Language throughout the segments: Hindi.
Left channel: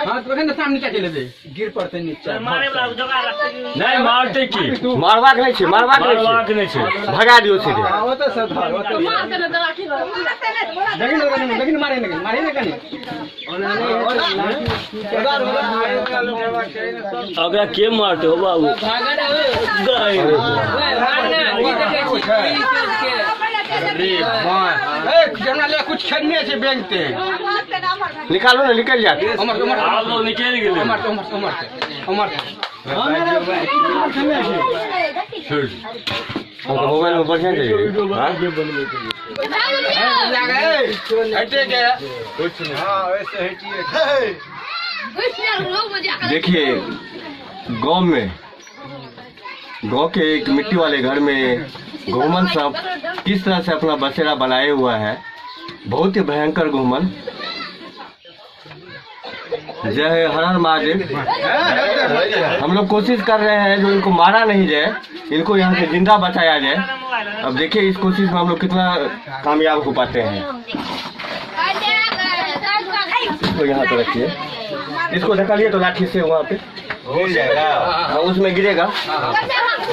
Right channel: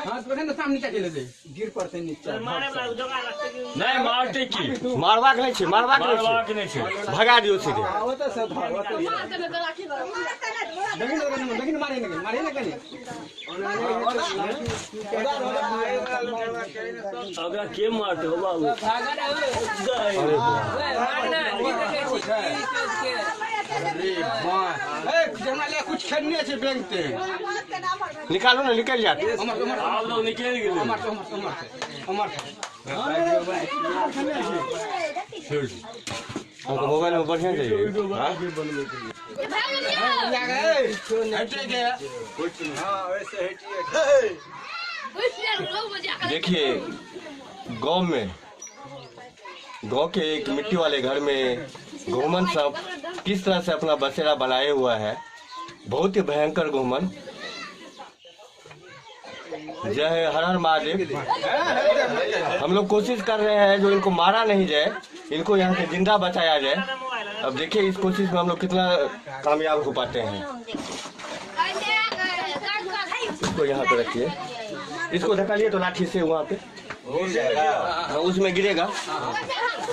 हां तो ने सामने क्या चले दे गिर पड़ते नीचे मारे वाला जगह रखते नहीं मारते की मारवा के नहीं छे भगा दियो सीधे वो तो सब धर वो तो लेकिन मारे नहीं कने अबे के मारते हो बाबू अरे वाह ए जना ले कुछ खरीदने छे बैंक ते निकालो ना निकल जाते उमर आप लोग निकल गए उमर हमको मोबाइल में बढ़िया चाहिए हटे के कुछ नहीं हां वैसे हटिए देखिए गांव के एक मिट्टी वाले घर में घूमन सब किस तरह से अपना बसेरा बनाए हुआ है। बहुत ही भयंकर घूमन। जय हर हर महादेव। हम लोग कोशिश कर रहे हैं जो इनको मारा नहीं जाए, इनको यहाँ से जिंदा बचाया जाए। अब देखिए इस कोशिश में हम लोग कितना कामयाब हो पाते हैं। इसको यहाँ पे रखिए, इसको धकालिए तो लाठी से वहाँ पे हो जाएगा। हाँ उसमें गिरेगा,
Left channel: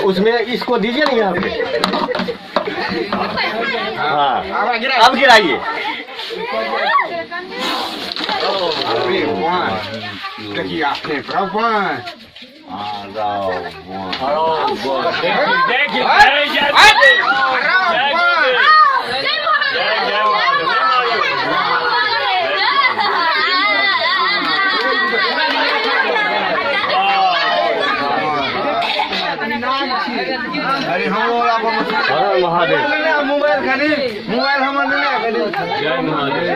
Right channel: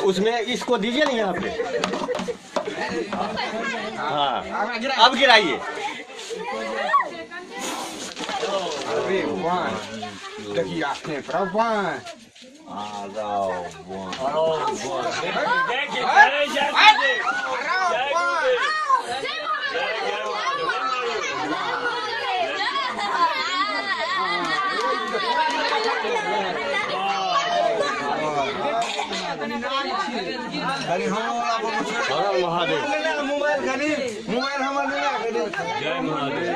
उसमें इसको दीजिए ना यहाँ पे। हाँ अब गिराइए। देखिए आपने भगवान अरे हम महादेव मोबाइल खाली मोबाइल हमारे जय महादेव।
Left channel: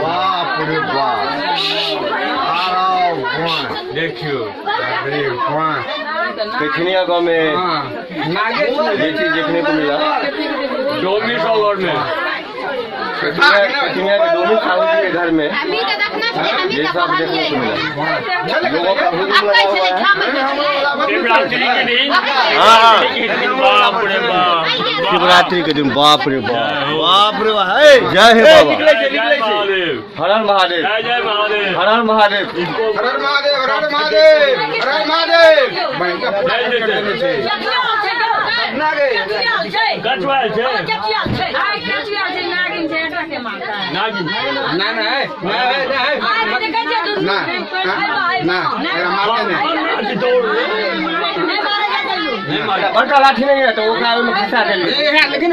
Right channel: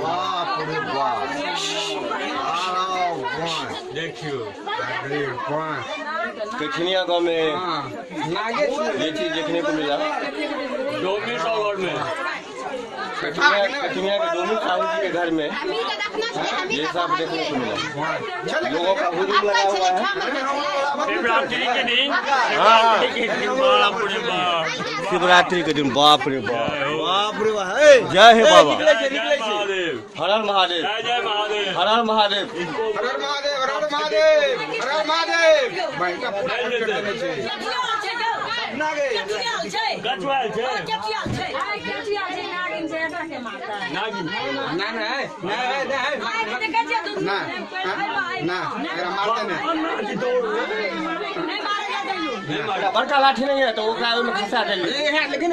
बाप रे बाप देखियो कचनिया गांव में ये चीज देखने को मिला। डोमी सागर में कचनिया के डोमी साहू जी के घर में ये सब देखने को मिला। लोगों का हुजूम लगा हुआ है। शिवरात्रि के दिन बाप रे बाप बाप रे बाप जय हे बाबा हर हर महादेव जय महादेव हर हर महादेव बड़का लाठी नहीं है तो वो में फंसा देंगे। लेकिन